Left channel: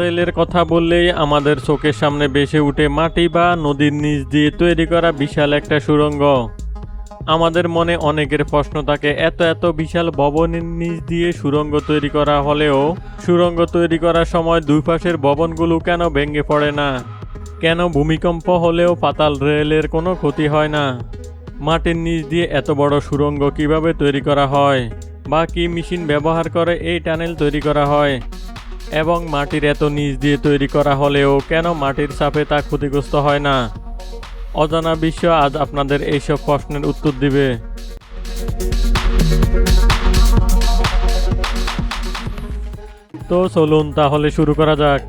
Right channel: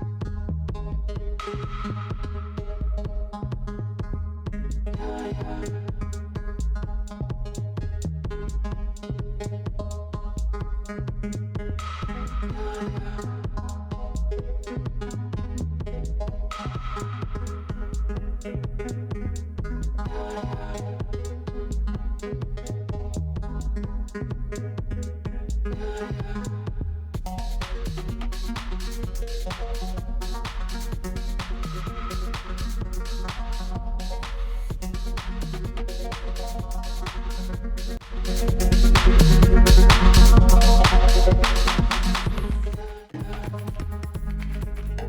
রেলের কথা বললেই আমাদের চোখের সামনে ভেসে ওঠে মাটি বা নদীর নিচ দিয়ে তৈরি করা বিশাল একটা সুড়ঙ্গ। আমাদের মনে অনেকের প্রশ্ন থাকে, এত এত বিশাল ভবনের নিচ দিয়ে সুড়ঙ্গ তৈরি করা হলেও সুড়ঙ্গ তৈরি করার সময় দুই পাশের ভবনগুলো কেন ভেঙে পড়ে না? কেন ভূমিকম্প হলেও পাতাল রেলের কোনো ক্ষতি হয় না? মাটির নিচ দিয়ে এত বড় সুড়ঙ্গ কিভাবে তৈরি করা হয়, বা কি মেশিন ব্যবহার করে এই টানেল তৈরি করা হয়, এবং মাটির এত নিচ দিয়ে তৈরি করা হলেও কেন মাটির চাপে তা ক্ষতিগ্রস্ত হয় না? অজানা বিশ্ব আজ আপনাদের এইসব প্রশ্নের উত্তর দিবে। তো চলুন তাহলে শুরু করা যাক।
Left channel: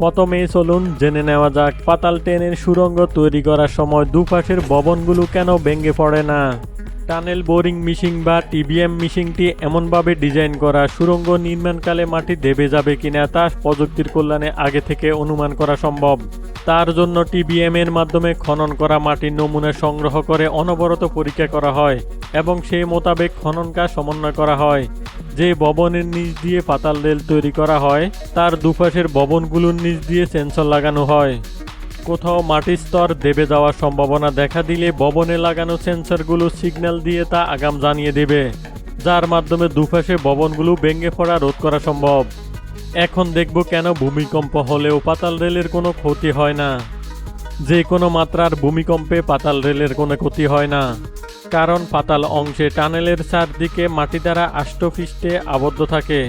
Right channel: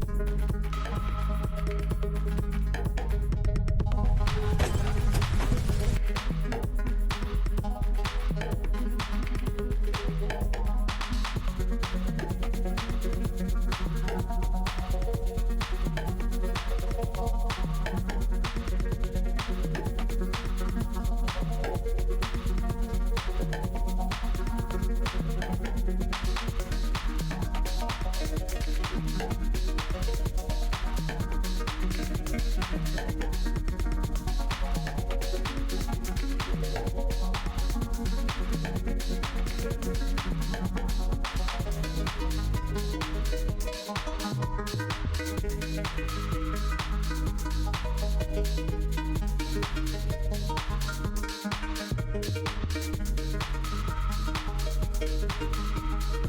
প্রথমেই চলুন জেনে নেওয়া যাক পাতাল ট্রেনের সুড়ঙ্গ তৈরি করার সময় দুপাশের ভবনগুলো কেন ভেঙে পড়ে না। টানেল বোরিং মেশিন বা টিবিএম মেশিনটি এমনভাবে ডিজাইন করা সুড়ঙ্গ নির্মাণকালে মাটি দেবে যাবে কিনা তা প্রযুক্তির কল্যাণে আগে থেকে অনুমান করা সম্ভব। তার জন্য টিবিএম এর মাধ্যমে খনন করা মাটির নমুনা সংগ্রহ করে অনবরত পরীক্ষা করা হয় এবং সেই মোতাবেক খনন কাজ সমন্বয় করা হয়। যে ভবনের নিচ দিয়ে পাতাল রেল তৈরি করা হয় তার দুপাশের ভবনগুলোর নিচ দিয়ে সেন্সর লাগানো হয়। কোথাও মাটির স্তর দেবে যাওয়ার সম্ভাবনা দেখা দিলে ভবনে লাগানো সেন্সরগুলো সিগন্যাল দিয়ে তা আগাম জানিয়ে দেবে, যার মাধ্যমে দুপাশে ভবনগুলো ভেঙে পড়া রোধ করা সম্ভব। এখন দেখব কেন ভূমিকম্প হলেও পাতাল রেলের কোনো ক্ষতি হয় না। যে কোনো মাত্রার ভূমিকম্পে পাতাল রেলের কোনো ক্ষতি হয় না, কারণ পাতাল অংশে টানেলের চারদিকে মাটি দ্বারা আষ্টপৃষ্ঠে আবদ্ধ থাকে।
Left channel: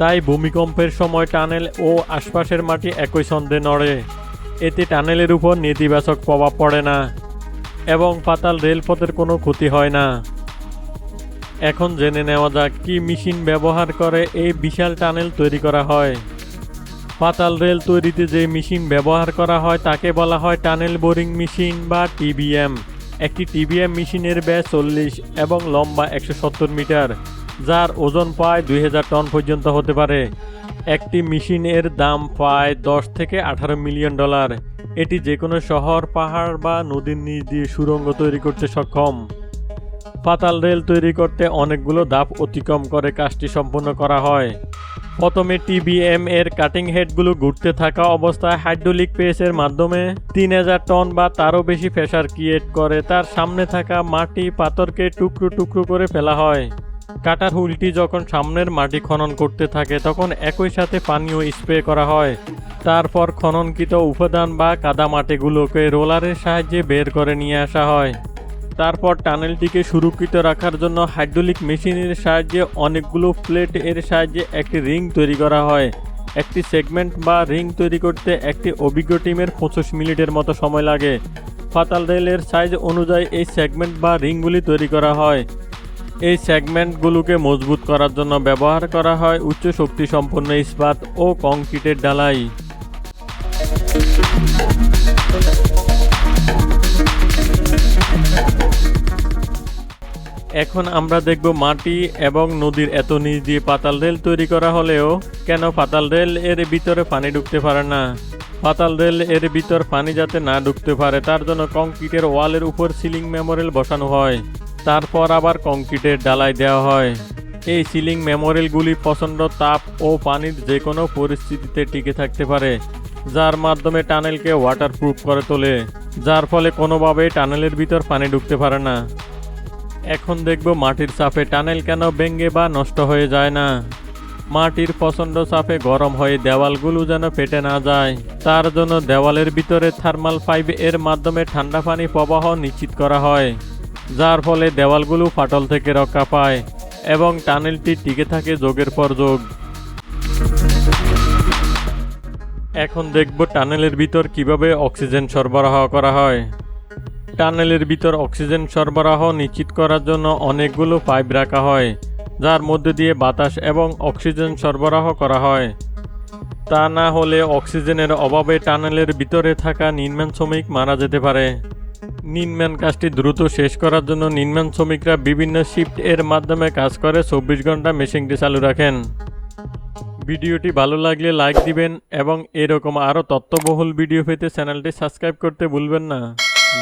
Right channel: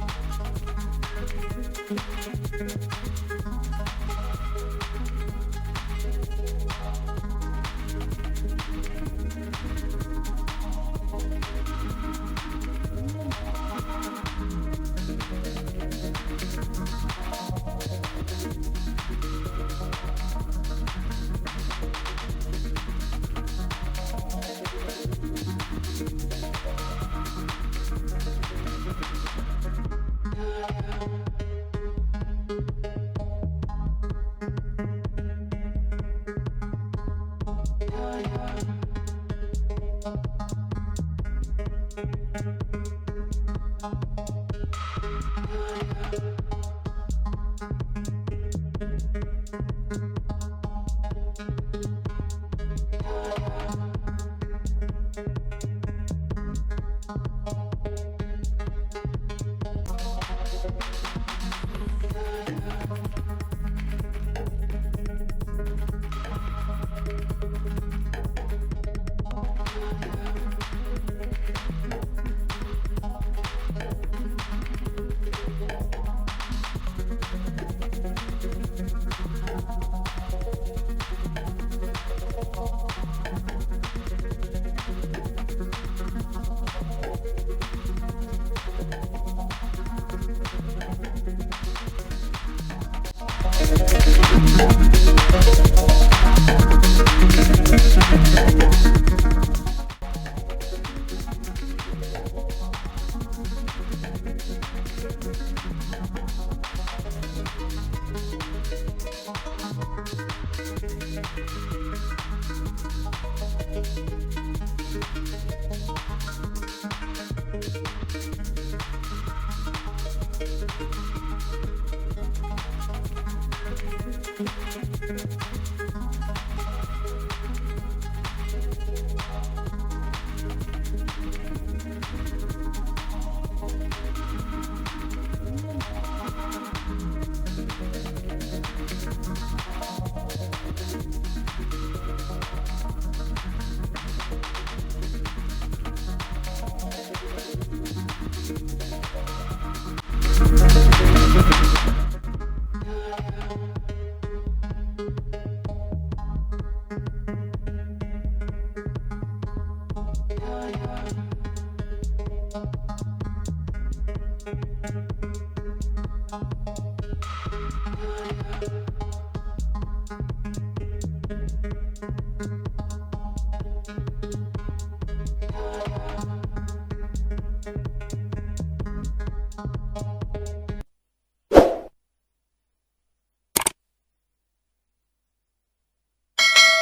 তাই ভূমিকম্পের সময় টানেল ও আশপাশের মাটি একই ছন্দে নড়ে। এতে টানেলের উপর নেতিবাচক প্রভাব পড়ে না এবং পাতাল রেলপথের কোনো ক্ষতি হয় না। এখন জেনে নেওয়া যাক কি মেশিন ব্যবহার করে এই বিশাল টানেল তৈরি করা হয়। পাতাল রেল তৈরিতে যে মেশিন ব্যবহার করা হয় তাকে বলা হয় টানেল বোরিং মেশিন বা টিবিএম। একটি টিবিএম মেশিনের ব্যাস 40 এবং লম্বা 170 মিটার, যার ওজন প্রায় 2000 টন পর্যন্ত হতে পারে। একটি মেশিনের দাম প্রায় 10 থেকে 18 মিলিয়ন ডলার। এটি যে কোনো শহর, পাহাড় বা নদীর নিচ দিয়ে সুড়ঙ্গ তৈরি করতে সক্ষম। পাতাল রেল তৈরি করতে অনেকগুলো ধাপ অতিক্রম করে কাজটি সম্পন্ন করা হয়। প্রথমে টিবিএম এর কাটিং হেডগুলো ঘুরতে থাকা অবস্থায় হাইড্রোলিক প্রেসের মাধ্যমে 3000 টন বা তারও বেশি প্রেসার ক্রিয়েট করে তার সামনে থাকা মাটি পাথরকে টুকরো টুকরো করে ফেলা হয়। কাটার হুইলটি যখন সামনের মাটি খনন করতে থাকে তখন একই সাথে পানিও স্প্রে করা হয়। তারপর খননকৃত উপাদান বা কাদা মাটিগুলোকে রোলারের সাহায্যে বের করে নিয়ে আসা হয়। তারপর টানেলটিকে সুরক্ষিত রাখার জন্য হাইড্রোলিক মেশিনের সাহায্যে অনেকগুলো প্লেট এর সাহায্যে একটি রিং তৈরি করা হয়। একটি সেগমেন্ট বা রিং তৈরি করতে একটি অভিজ্ঞ টিমের 25 মিনিটের মতো সময় লাগে। পাতাল রেলের সাইজ অনুযায়ী এই সেগমেন্ট বা রিংগুলি তৈরি করা হয়। এই সেগমেন্টগুলোকে মজবুত করার জন্য ব্যবহার করা হয় উচ্চ শক্তি সম্পন্ন ইস্পাত ও কংক্রিটের ঢালাই। এখন আমরা দেখব মাটি এবং নদীর এত নিচ দিয়ে পাতাল রেল তৈরি করা হলেও কেন পাতাল রেল এর ভিতরে পানি ঢুকতে পারে না। পাতাল রেল এর ভিতর পানি যাতে না ঢুকতে পারে তার জন্য কংক্রিটের ওয়ালের উপর সিলিং মেমোরিয়াল বসানো হয়। তারপর আবার কংক্রিটের ঢালাই দেওয়া হয়। এই সিলিং মেমোরিয়ালগুলি প্রচণ্ড তাপ ও পানির যে কোনো পরিস্থিতিতে টিকে থাকতে পারে, যার মাধ্যমে টানেলকে ওয়াটারপ্রুফ করে তোলে, যার ফলে কোনোভাবেই টানেলের ভিতর পানি ঢুকতে পারে না। এখন দেখব মাটির চাপে টানেল কেন ভেঙে বা নষ্ট হয়ে যায় না। মাটির প্রচণ্ড চাপে গরম হয়ে দেওয়ালগুলো যেন ফেটে না যায় তার জন্য দেওয়ালের ভিতরে থার্মাল পাইপ এর মাধ্যমে ঠান্ডা পানি প্রবাহ নিশ্চিত করা হয়, যার ফলে দেওয়ালগুলো ফাটল থেকে রক্ষা পায় এবং টানেলটি টিকে থাকে যুগের পর যুগ। এখন দেখব টানেলের ভিতর কিভাবে অক্সিজেন সরবরাহ করা হয়। টানেলের ভিতর অক্সিজেন সরবরাহ নিশ্চিত করার জন্য অনেকগুলো পাইপ রাখা হয়, যার মধ্যে দিয়ে বাতাস এবং অক্সিজেন সরবরাহ করা হয়। তা না হলে অক্সিজেনের অভাবে টানেলের ভিতরে থাকা নির্মাণ শ্রমিক মারা যেতে পারে। নির্মাণ কাজটি দ্রুত শেষ করার জন্য নির্মাণ শ্রমিকরা বিভিন্ন শিফট এর মাধ্যমে কাজ করে 24 ঘন্টা মেশিনটি চালু রাখেন। ভিডিওটি ভালো লাগলে লাইক দিবেন এবং এরকম আরও তথ্যবহুল ভিডিও পেতে চ্যানেলটি সাবস্ক্রাইব করতে ভুলবেন না।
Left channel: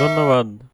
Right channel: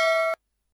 ধন্যবাদ।